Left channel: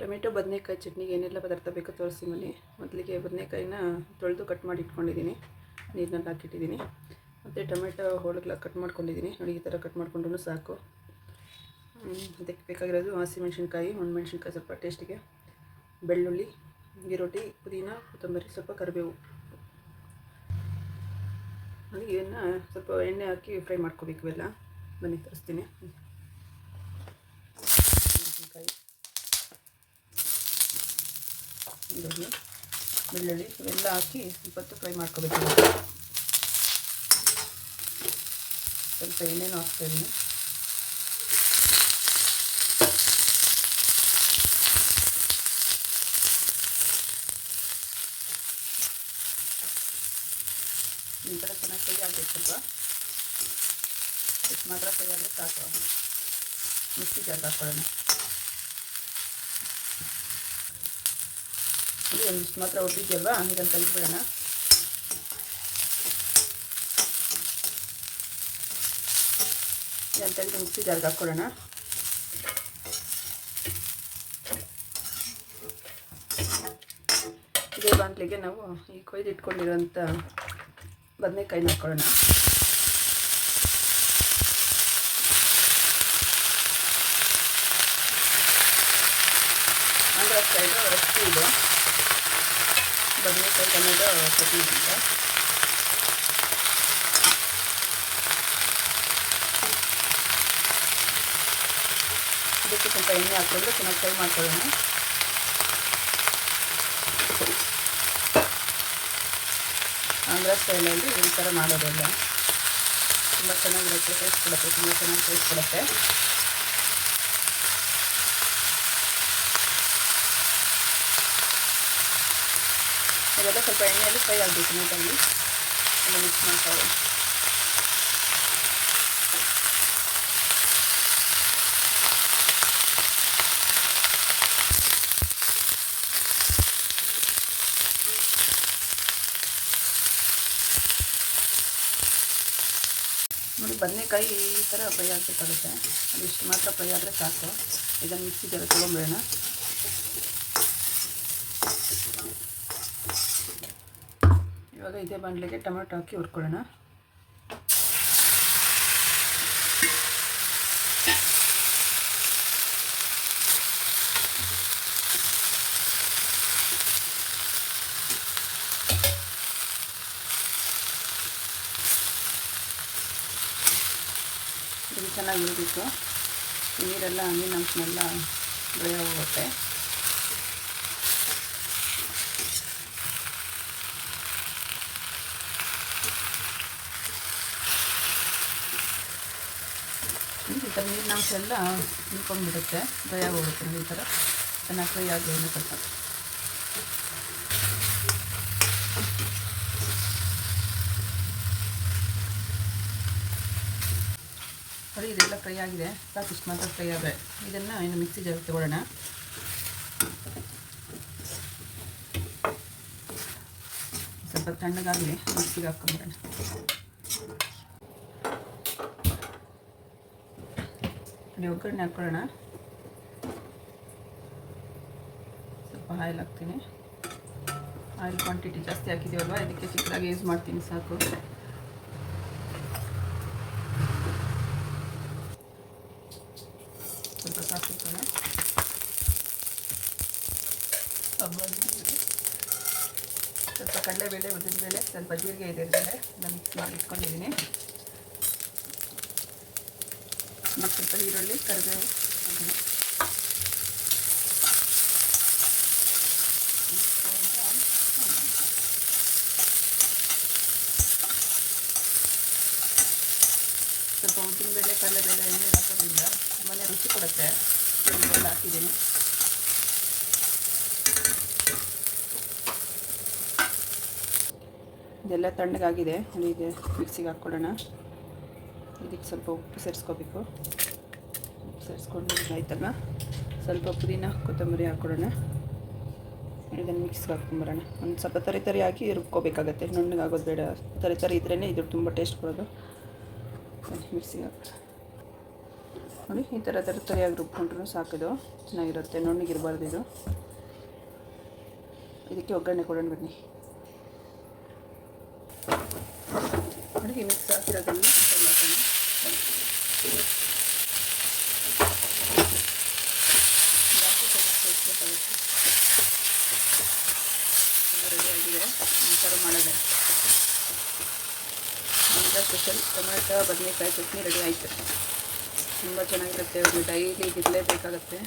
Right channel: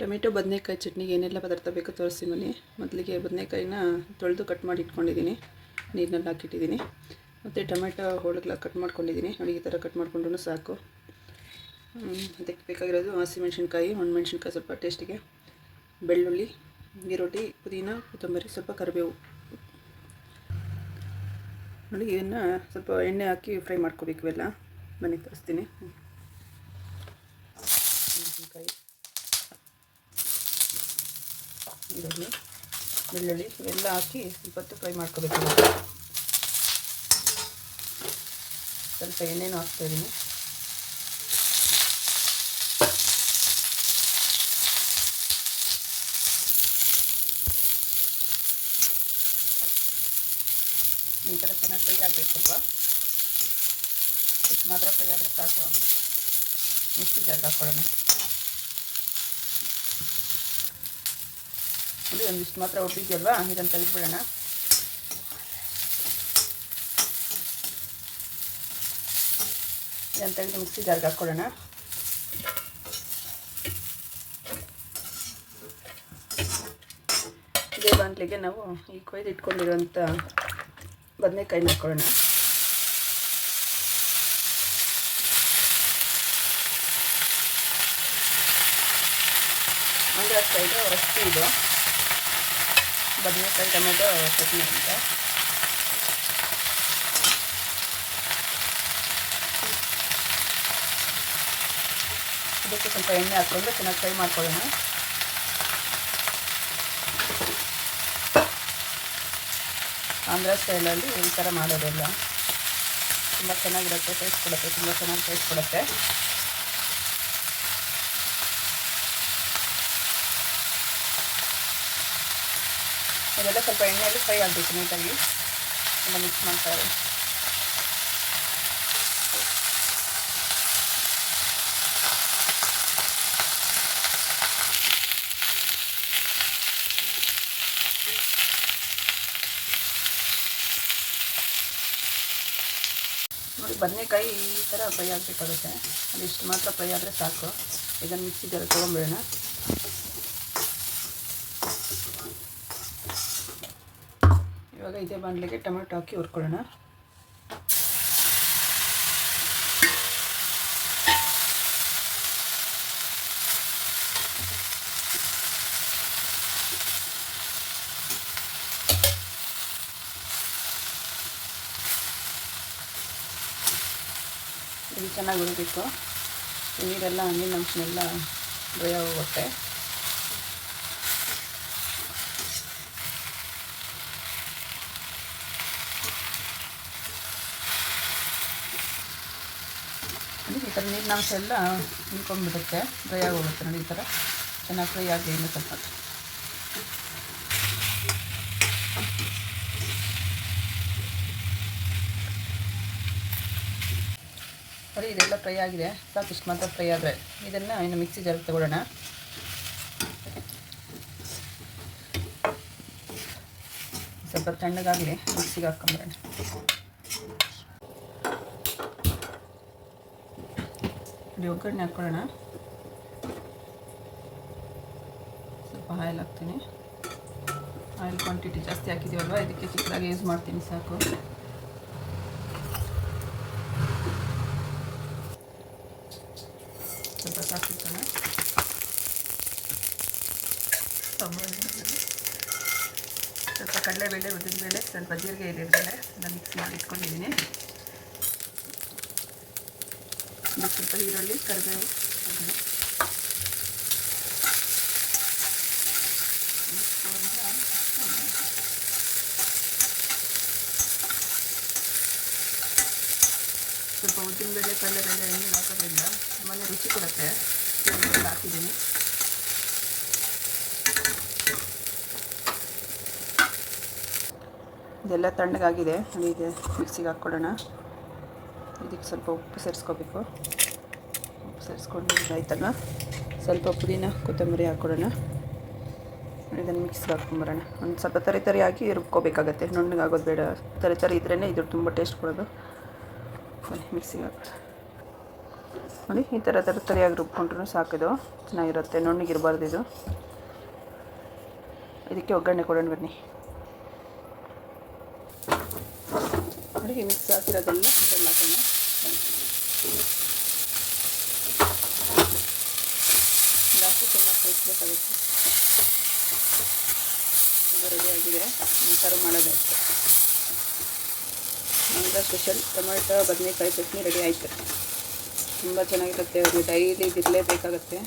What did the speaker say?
Tomato ಬದನೆಕಾಯಿ ಚಟ್ನಿಗೆ ಏನೆಲ್ಲ ಪದಾರ್ಥ ಬೇಕೋ ತೋರಿಸ್ತೀನಿ ಬನ್ನಿ. ಮೊದಲಿಗೆ ಬದನೆಕಾಯಿನ ತೊಳೆದು ಕಟ್ ಮಾಡಿ ಇಟ್ಕೊಂಡಿದ್ದೀನಿ, ನೀರಿನಲ್ಲಿ ಹಾಕಿಟ್ಟಿದ್ದೀನಿ. ಮತ್ತು ಟೊಮೆಟೊ ಹೋಳುಗಳ ಕಟ್ ಮಾಡ್ಕೊಂಡಿದ್ದೀನಿ. ನೋಡಿ, ಈ ಥರ ಕಟ್ ಮಾಡ್ಕೊಂಡ್ರೂ ಸಾಕು. ಅದಕ್ಕೆ ಬೇಕಾಗಿರೋದು ಹಸಿಮೆಣ್ಸಿನ್ಕಾಯಿ, ಒಣಮೆಣ್ಸಿನ್ಕಾಯಿ ಸ್ವಲ್ಪ ಟೇಸ್ಟಿಗೆ, ಬೆಳ್ಳುಳ್ಳಿ, ಈರುಳ್ಳಿ, ಪುದೀನ, ಕೊತ್ತಂಬರಿ, ಸ್ವಲ್ಪ ಕರಿಬೇವು. ನೋಡಿ, ಇದನ್ನು ಸ್ವಲ್ಪ ಎಣ್ಣೆ ಹಾಕಿ ಫ್ರೈ ಮಾಡ್ಕೋಬೇಕು. ಇವೆಲ್ಲ ಬನ್ನಿ ತೋರಿಸ್ತೀನಿ. ಮೆಣಸಿನ್ಕಾಯಿ, ಈರುಳ್ಳಿ, ಬೆಳ್ಳುಳ್ಳಿ ಇವೆಲ್ಲ ಹಾಕಿ ಸ್ವಲ್ಪ ಹೊತ್ತು ಫ್ರೈ ಮಾಡ್ಕೋಬೇಕು. ಸ್ವಲ್ಪ ಎಣ್ಣೆನೂ ಹಾಕ್ತಾಯಿದ್ದೀನಿ. ಈ ಥರ ಚೆನ್ನಾಗಿ ಫ್ರೈ ಆಗಬೇಕು. ಸ್ವಲ್ಪ ಇಷ್ಟು ಮಾತ್ರ ಫ್ರೈ ಆದರೆ ಸಾಕು. ಮಿಕ್ಸಿ ಜಾರ್ಗೆ ಹಾಕ್ಕೊಳ್ಳೋಣ. ನೋಡಿ, ಒಂದಿಷ್ಟು ಮಾತ್ರ ಒಟ್ಟಿದೆಯಲ್ವಾ, ಇದನ್ನು ತೆಗೆದುಬಿಡೋಣ. ಇದನ್ನು ತೆಗೆದು ಮಿಕ್ಸಿ ಜಾರ್ಗೆ ಹಾಕ್ಕೊಳ್ಳೋಣ. ಇದೇ ಬಾಣಲೆಗೆ ನಾವು ಈ ಕೊಯ್ದು ಇಟ್ಕೊಂಡಿರೋಂಥ ಬದನೆಕಾಯಿನ ಹಾಕ್ಕೊಳ್ಳೋಣ. ಆಂಧ್ರ ಸೈಡು ರೆಸಿಪಿ ಇದು, ಬದನೆಕಾಯಿ ಟೊಮೆಟೊ ಚಟ್ನಿ ಅಂತ. ಇದಕ್ಕೆ ಸ್ವಲ್ಪ ಎಣ್ಣೆ ಹಾಕ್ಕೊಂಡು ಚೆನ್ನಾಗಿ ಫ್ರೈ ಮಾಡ್ಕೊಳ್ಳೋಣ. ಆಂಧ್ರ ಸ್ಟೈಲಲ್ಲಿ ಈ ಥರ ಮಾಡೋದೆಲ್ಲ ತುಂಬ ಚೆನ್ನಾಗಿರುತ್ತೆ, ಟೇಸ್ಟ್ ಕೊಡುತ್ತೆ, ತುಂಬ ಚೆನ್ನಾಗಿ ಟೇಸ್ಟ್ ಕೊಡುತ್ತೆ. ಇದೆಲ್ಲ ಸ್ವಲ್ಪ ಎಣ್ಣೆಯಲ್ಲಿ ಫ್ರೈ ಆಗಬೇಕು ನೀಟಾಗಿ. ಎಲ್ಲ ಮಿಕ್ಸ್ ಮಾಡ್ತಾರೆ. ನೋಡಿ, ಬದನೆಕಾಯಿ ಈ ಥರ ಫ್ರೈ ಆಗಬೇಕಾಗುತ್ತೆ. ಅದಿಷ್ಟು ಮಾತ್ರ ಫ್ರೈ ಆದರೆ ಸಾಕು. ಇದನ್ನು ಮಿಕ್ಸಿ ಜಾರಿಗೆ ತೊಗೊಂಬಿಡೋಣ. ಇವಾಗ ಇದೇ ಬಾಣಲೆಗೆ ಟೊಮೆಟೊ ಹಾಕಿ ಹುರ್ಕೊಳ್ಳೋಣ. ಇದು ಚೆನ್ನಾಗಿ ಹುರಿಬೇಕು. ನೀರೆಲ್ಲ ನೀರಿನ ಅಂಶನೆಲ್ಲ ಡ್ರೈ ಆಗೋಗುತ್ತೆ. ಈ ಥರ ನೀರಿನ ಅಂಶ ಎಲ್ಲ ನಿಂತ್ಕೊಂಡ್ಬಿಡುತ್ತೆ, ಡ್ರೈ ಆಗೋಗುತ್ತೆ. ನೋಡಿ, ಈ ಥರ ಚೆನ್ನಾಗಿ ಫ್ರೈ ಆಗಿ ಇನ್ನೂ ಸ್ವಲ್ಪ. ನೋಡಿ, ಇದೆಲ್ಲ ಫ್ರೈ ಆಗಿದೆ, ಸಾಕು. ಇಷ್ಟು ಮಾತ್ರ ಫ್ರೈ ಆದರೆ ಇದನ್ನು ಇನ್ನು ಮಿಕ್ಸಿ ಜಾರಿಗೆ ತಗೊಳ್ಳೋಣ. ಸ್ವಲ್ಪ ತಣ್ಣಗಾಗಲಿ, ಮಿಕ್ಸಿಗೆ ಹಾಕ್ಕೊಂಬರೋಣ. ನೋಡಿ, ಒಗ್ಗರಣೆ ಹಾಕ್ಕೊಳ್ಳೋಣ. ಸ್ವಲ್ಪ ಆಯಿಲ್ ಹಾಕ್ತೀನಿ. ಆಯಿಲ್ ಕ್ವಾಂಟಿಟಿ ಜಾಸ್ತಿ ಹಾಕಿದ್ದೀವಲ್ವ, ಇದಕ್ಕೆ ಚಿಕ್ಕದಾಗಿ ಯೂಸ್ ಮಾಡ್ತೀನಿ, ಸಾಕು. ಸ್ವಲ್ಪ ಸಾಕಿಸೋಣ. ಸ್ವಲ್ಪ ಕಡಲೆಬೇಳೆ, ಉದ್ದಿನಬೇಳೆ, ಸ್ವಲ್ಪ ಜೀರಿಗೆ ಇದೆ, ಅದನ್ನು ಮಿಕ್ಸ್ ಮಾಡಿ ಇಟ್ಕೊಂಡಿದ್ದೀನಿ. ಸ್ವಲ್ಪ ಈರುಳ್ಳಿ, ಕರಿಬೇವು, ಸ್ವಲ್ಪ ಉದ್ದಿನಬೇಳೆ, ಕಡಲೆಬೇಳೆ ಎಣ್ಣೆ ಹಾಕೋದ್ರಿಂದ ತುಂಬಾ ರುಚಿ ಕೊಡುತ್ತೆ. ಹಾಕಿದ್ದೀನಿ. ಇದೆಲ್ಲ ತಣ್ಣಗಾಗಿದೆ. ನೋಡಿ, ಇದೆ ಮಿಕ್ಸಿಗೆ ಹಾಕ್ಕೊಳ್ಳೋಣ. ಇದಕ್ಕೆ ಸ್ವಲ್ಪ ಉಪ್ಪು ಸೇರಿಸ್ಕೋಬೇಕು. ಉಪ್ಪು ಸೇರಿಸ್ಕೊಂಡು ಆಯ್ತಲ್ಲ, ಸ್ವಲ್ಪ ಪುದೀನ, ಕೊತ್ತಂಬರಿ ಹಾಕ್ಕೊಳ್ಳೋಣ. ಇದನ್ನು ಮಿಕ್ಸ್ಗೆ ಹಾಕ್ಕೊಂಬರೋಣ. ಒಂದು ಸ್ವಲ್ಪ ತರಿಯಾಗಿ ರುಬ್ಕೋಬೇಕಾಗತ್ತೆ, ನುಣ್ಣಗಾಗೋದು ಬೇಡ. ತರಿ ಇದ್ರೇ ಇದು ತುಂಬ ಟೇಸ್ಟ್ ಕೊಡೋದು. ಬನ್ನಿ ಮಿಕ್ಸಿಗೆ ಹಾಕೋಣ. ನೋಡಿ ಈ ಥರ ತರಿಯಾಗಿ ರುಬ್ಕೊಂಡ್ರೂ ಸಾಕಿದು ಚೆನ್ನಾಗಿರುತ್ತೆ, ನುಣ್ಣಗಿರಬಾರ್ದು ಇದು. ಇದಕ್ಕೆ ಒಗ್ಗರಣೆ ಕೊಡೋಣ ಬನ್ನಿ. ನೋಡಿ ಈ ಮಿಕ್ಸ್ ಹಾಕಿರೋದೆಲ್ಲ ಹಾಕೋಣ. ಜಾಸ್ತಿ ಚೆನ್ನಾಗಿ ಕಲಿಸ್ಬೇಕಾಗುತ್ತೆ. ಇದು ರೆಡಿ ಆಗಿದೆ, ಸರ್ವ್ ಮಾಡೋದು. ಆಂಧ್ರ ಸ್ಪೆಷಲ್ ಟೊಮೆಟೊ ಬದನೆಕಾಯಿ ಚಟ್ನಿ ರೆಡಿ ಆಯಿತು. ತುಂಬ ಚೆನ್ನಾಗಿರುತ್ತೆ, ಅವ್ರಿಗೆ ಡೈಲಿ ಇರಲೇಬೇಕಾಗತ್ತೆ.